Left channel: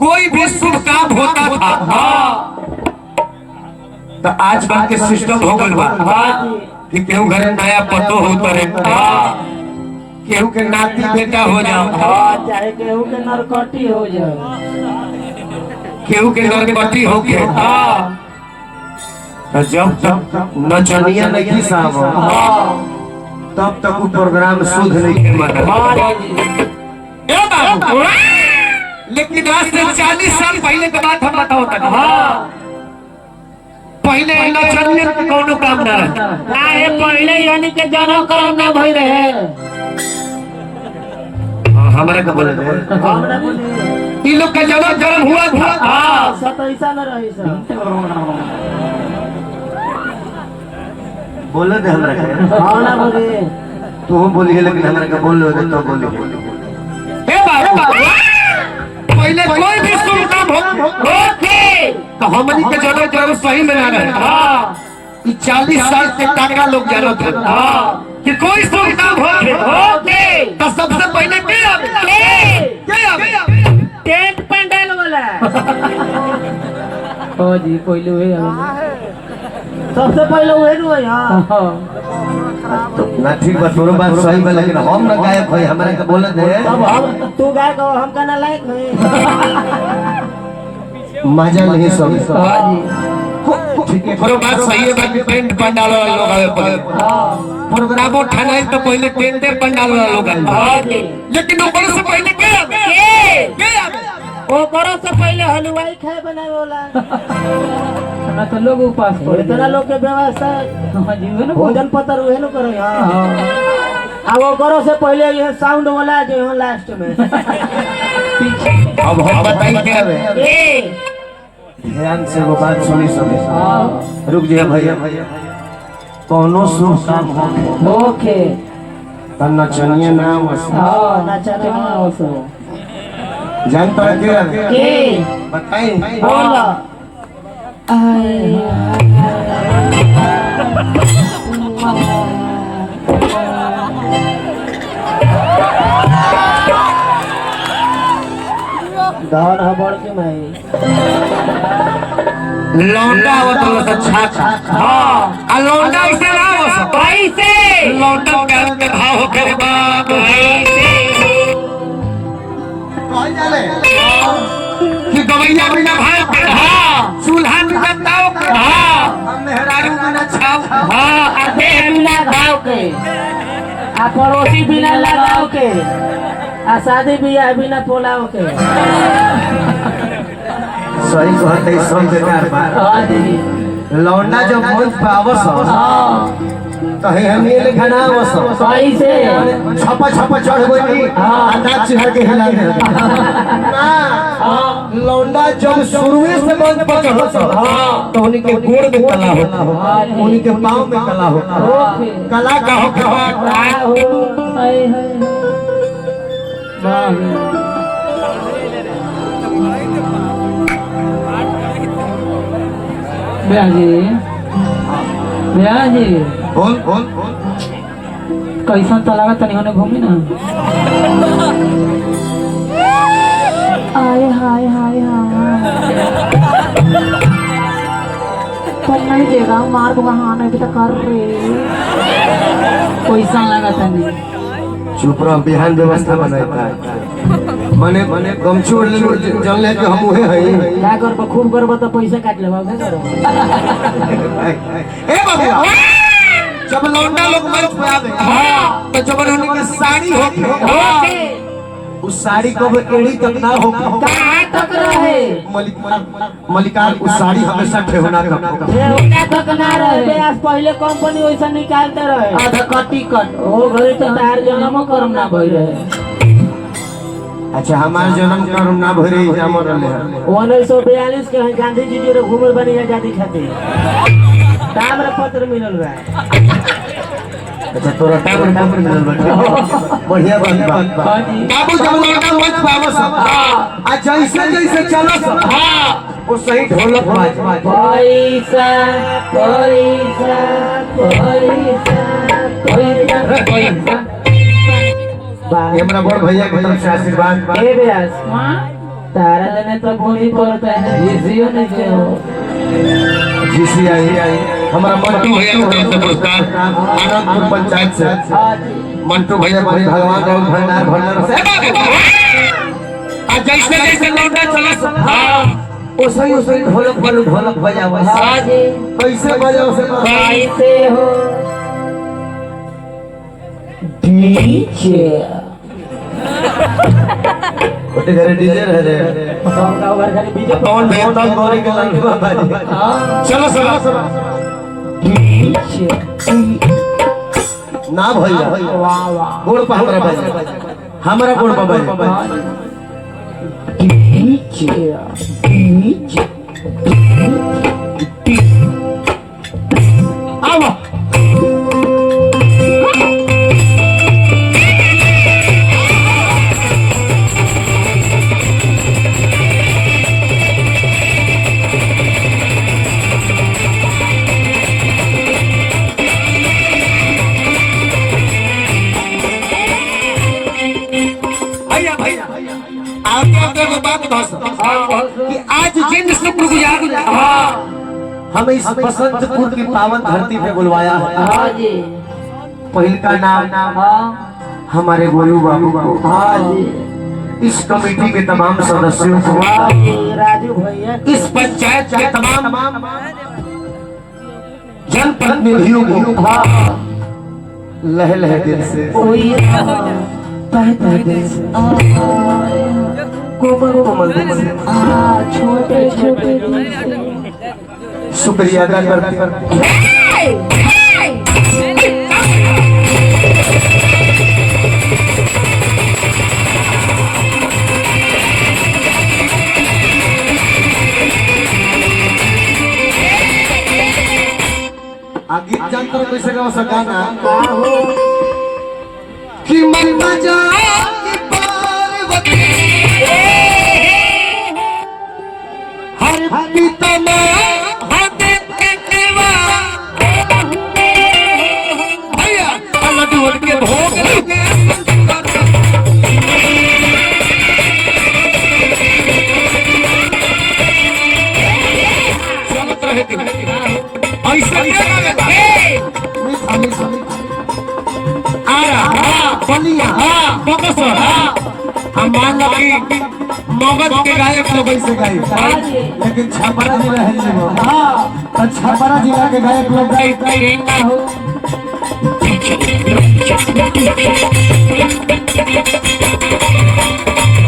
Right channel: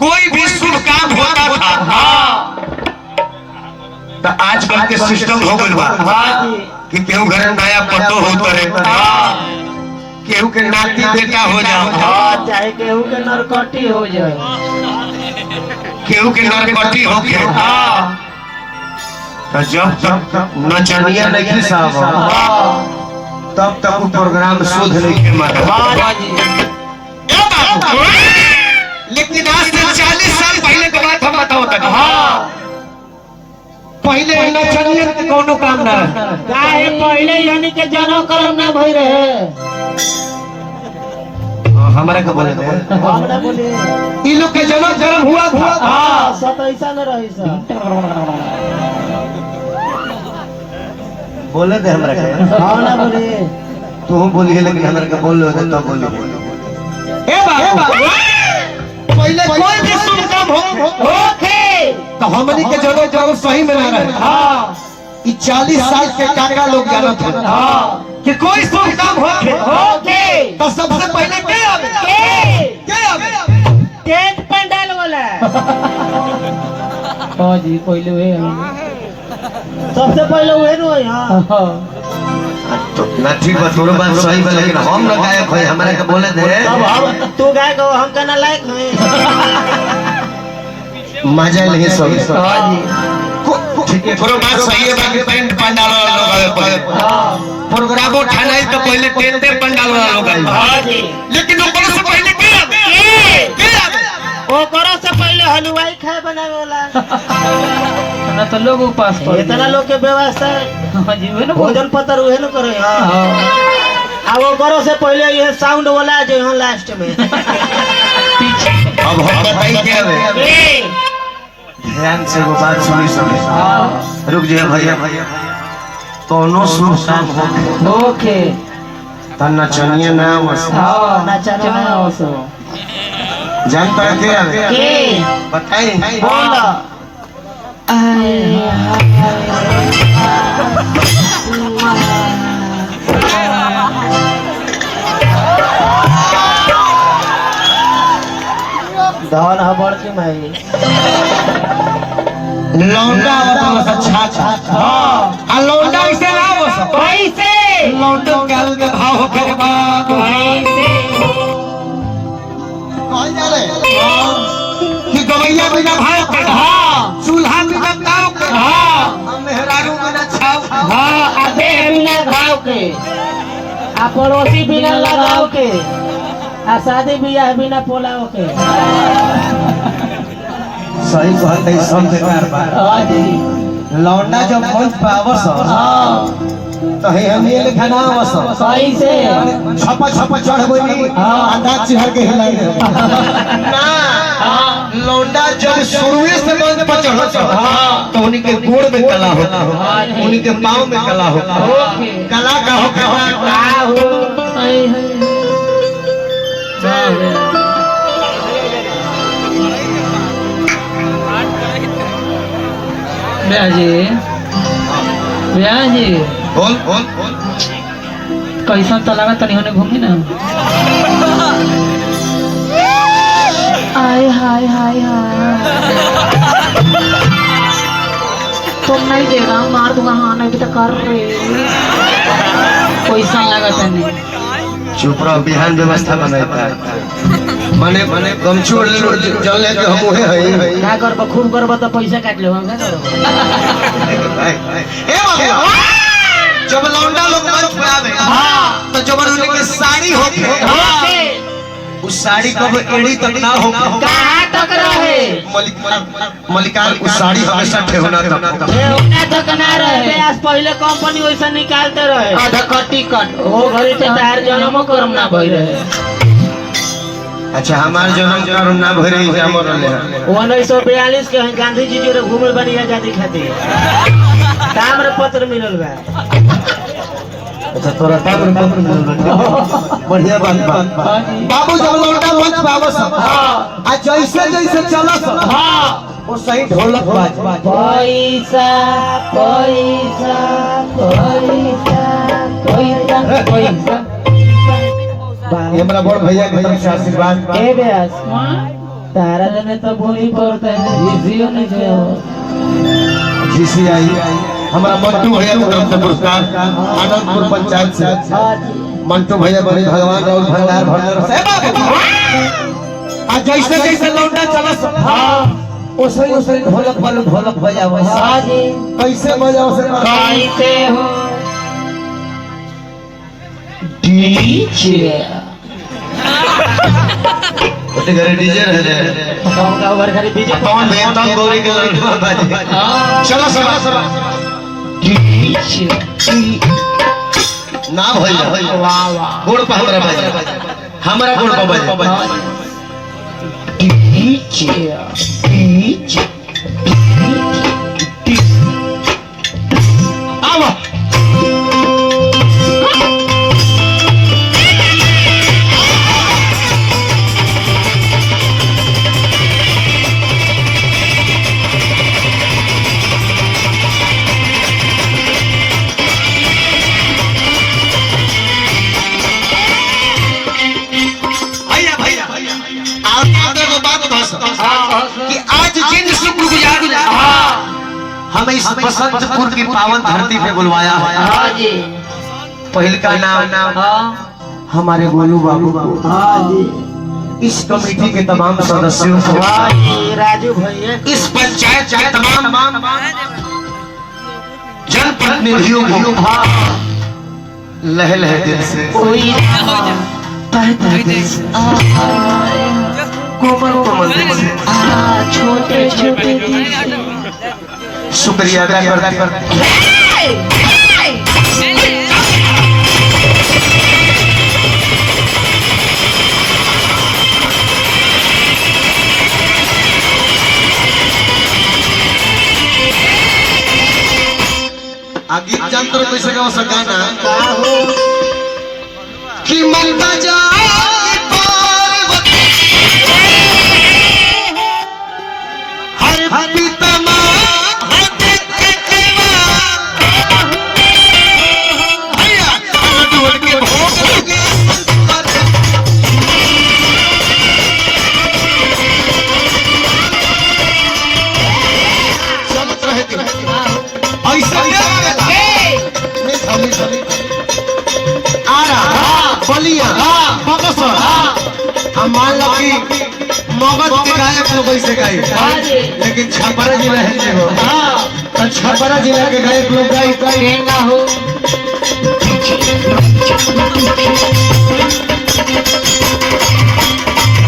कोई भी शुभ काम होता था तो आजकल के सिस्टम हो गइल बा कि केहू घर नया पतो होता रहे, केहू के नाती बेटा हो जाओ, चाहे केहू के नरकटी हो जाए, केहू के नरकटी होके तो जब तक नचनिया नहीं साहब तब तक वो प्रोग्राम शुद्ध नहीं के मत। लेकिन आज से 40 साल पहले की बात हम बताओ तक पहले नचनिया के कोनो काम ना काहे पहले यानी के जनो करम ना भई रहे। हमारे का बोले हमरा बोले ई लोग के जनो करम हुआ था। हां सतैसा न रही सा बोले दे हमरा के। हां ना बोले तू बोलिए लेकिन हमरा के बोल लो तो बोलो। ए बाबू पहले कोई भी शुभ काम ओके तो हमनी के जनो जनो सही में ना रहे। हां कि 40 साल के टाका लोग जानो थे कि कोई शुभ काम हो ओके तो सबसे पहले के आवे के आवे टेंट पंडाल वाला। हां जी पहले वे सबसे पहले वे नो हां तो ना ठीक बा तोर बात सही बा लेकिन हम ना गायक होय हमरा के बोले दे। अब हम तू गायक हो हम का ना लायक होई मजा नहीं सब। हां जी ठीक है तोर बात सही है बाकी टेंट पंडाल वाला लोग आवे पहले। हां प्रोग्राम उठानाई तो पहले टेंट पंडाल वाला लोग आवे। हां जी लेकिन ओकरे से पहले के आवे के आवे ओकरा से पहले हलवाई खाए बनावे वाला ना तो लोग उपास पर इतना लोग के व्यवस्था हां जी वे ना भोजन पतर उहे न करे। हां आ वो करो से पहले ये साउंड वाला जो यहां लास्ट में पीछे। अब हम बताई के आवे ध्यान से वो बात सुनी सुनी। रुक जाए भैया कोनो शुभ काम हो ओके त नचनिया नाम हां नचना ओसो जानता है के आवे के बताई बोला दान हबड़ के माई लौंडा और तो अच्छा हां आ लौंडा ऐसे ना हो कैसे लौंडा काल के भाव हो करे बाप कैसे कौन जाने कि गवैया बिना भाव के हां चूल्हा बिना ताव के हां मेहरारू बिना छाव हां आधे बिना घाव के आ पड़ोसी बिना लगाव के आ शादी बियाह बिना पोलाव के। सही कहते सब बेकार बा। हां जी लौंडा जब मंच पे आवस तो है हम ये लिखना आवस सही से छप चढ़ गई अंदाज चिहर के हिला दे ना लौंडा जब शुरुए से मंच पर चढ़त तो उन्हीं के गोड़ में कला होता उन्हीं के पांव में कला होता कला का हो हाय हाय भैया जी बोल कैसा तो लगा तनी होने घूमी ना। हाय हाय हाय हाय तुम नहीं देगा मार दूंगा। हाँ नहीं भी तो कर रहे कैसा लगा तनी चुप रहो बिहान व्यवस्था बनाता है माने गमछोड़ ले लो जल ले के हम ओहे हई क्या करब खूब करब तो पैसा काट लो क्या करब। ए बाबू जब लौंडा लोग मंच पे आवे हां तो जब उन्हीं के साड़ी होके उस साड़ी को एड़ी तक ना हो कहां तक रहे मलिकार उस साड़ी हमेशा ठेवना तक ठेवना तक ना रहे। आज पहले कंपनी वैसा निकालते रहे आधा कटी कट वो घरे से तार जन्म कर्म ना भई रहे। अच्छा हमार जन्म कर्म ना भई रही है हमर ले 1942 के गांधी जी जो घूमे बनी आजादी खातिर ताम्र पत्र मिलल बा। अच्छा तोरा ताम्र पत्र मिलल बा बढ़िया बात बाबू जब लड़का मंच पे आवस आ जैसे जैसे चलस वो सही ढोलक बाज पैसा पैसा पैसा पैसा पैसा हमरा बड़ भैया के तरफ से आशीर्वाद के बेस तारा देने तो भूमि पड़ता है जिसियो नहीं से हो जिसी आई हमारा मंटू भैया को तरफ से पुरस्कार आनंदपुर पंचायत से मंटू भैया बड़े भगवान और भंडार भंडार से आज जैसे जैसे लौटा चला ओसे ओसे ढोलक बजाओ कैसे बजाओ से कैसे हो डीजे ओते घरे डीजे रह रे का बार खाली डीजे कौन भेता गोरी के लड़का बाजे चलो सब डीजे ना भैया वाह वाह गोड़ पर हमरा बाजे हमरा गोड़ पर बाजे डीजे डीजे आवा कि आज जिन शुक्रगुजार हमें इस बसंतपुर की पावन धरती पे बुलवाया है पहल का नाम हमारे गोलू बाबू को इस कमेटी के तमाम सदस्यों को राजू भैया इस पंचायत के तमाम जनप्रतिनिधियों को लह लह दिल से तह तह दिल से कोमल कोमल दिल से छोटे छोटे शुक्रिया अदा करते गीत जानते कैसे गाओ सका ना कि मन न जाए पार्वती हर पितमा हद ककवा भैया अलडुल के भोग हम मान लो कि मगध के गायक लोग ऐसे गाए लेकिन छपरा जिला है जो तो छपरा जिला के गायक लोग गाए ना हो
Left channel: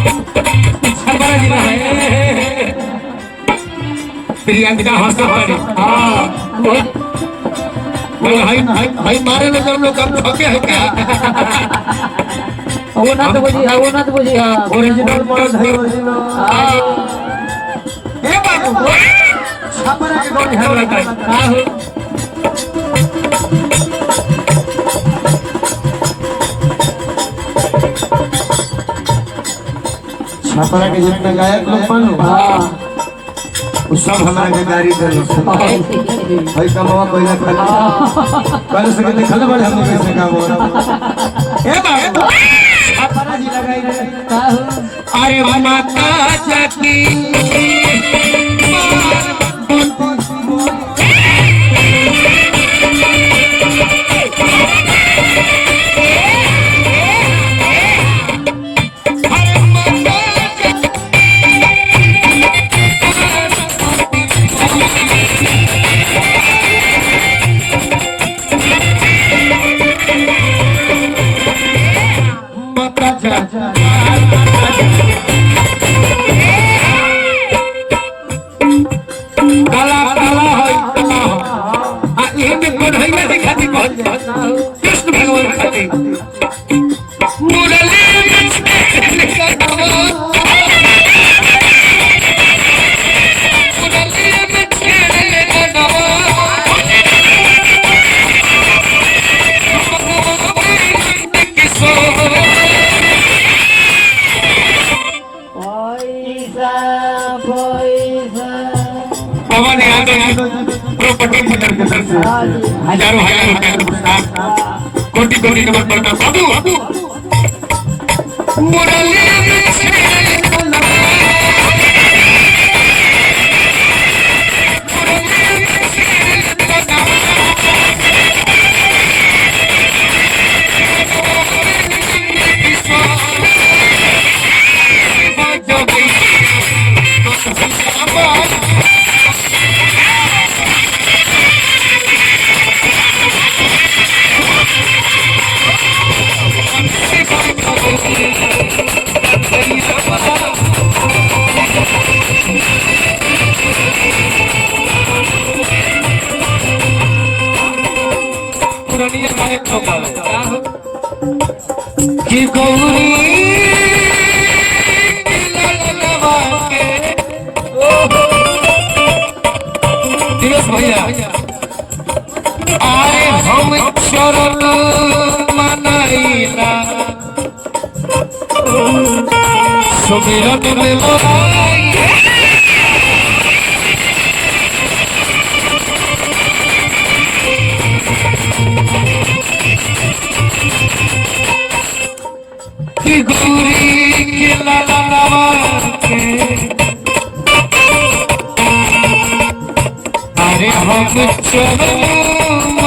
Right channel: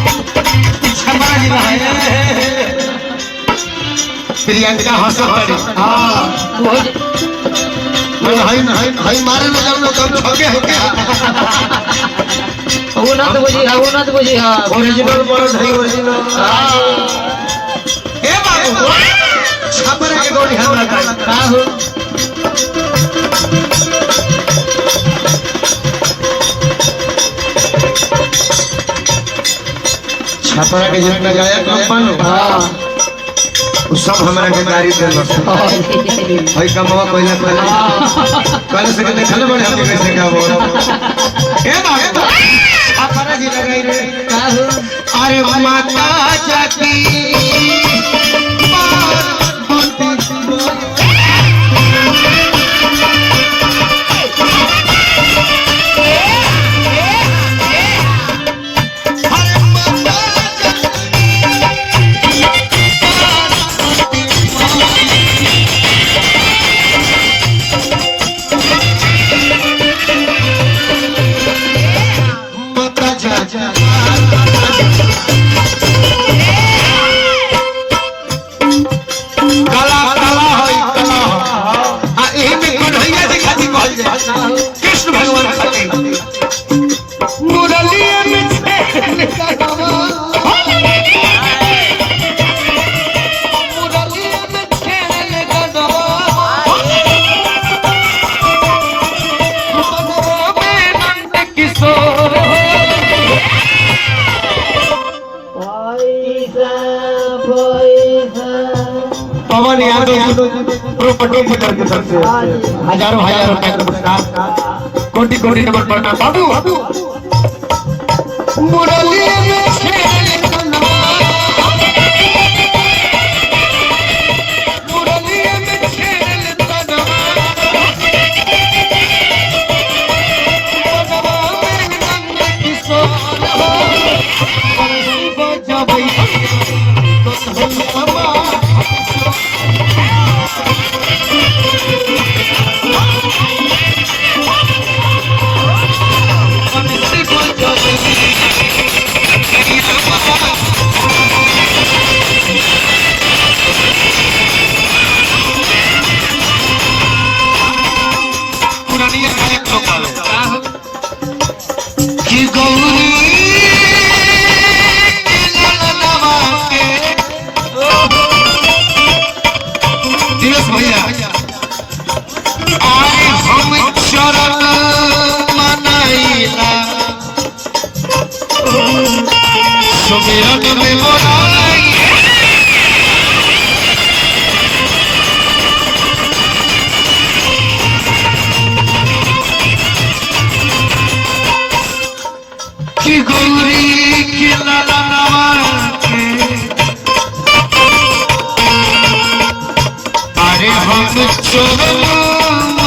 छपरा जिला है प्रियंका हंसत हाय मारे न जब लोग कम छके होके उन्नत बुझी हां ओरिजिनल मर्द है ओरिजिनल ए बाबू छपरा के गोड़ी हमरा का हो छपरा के जितने गायक लोग बनो हां वो सब हमरा के नारी दे भाई कमवा पहले पहले से देखल बड़े हम कैसे गावो ए बाबू छपरा जी लगाई रे अरे माता जाती कृष्ण भगवान खातिर पवन यादव हजारों रुपए का पुरस्कार कोटि कोटि नंबर पड़ता बाबू मुरली में कि गौरी दिवस भैया आए हम चरण मनाइला सुमिरन में मोराई कि गौरी के लाला के अरे हम चरण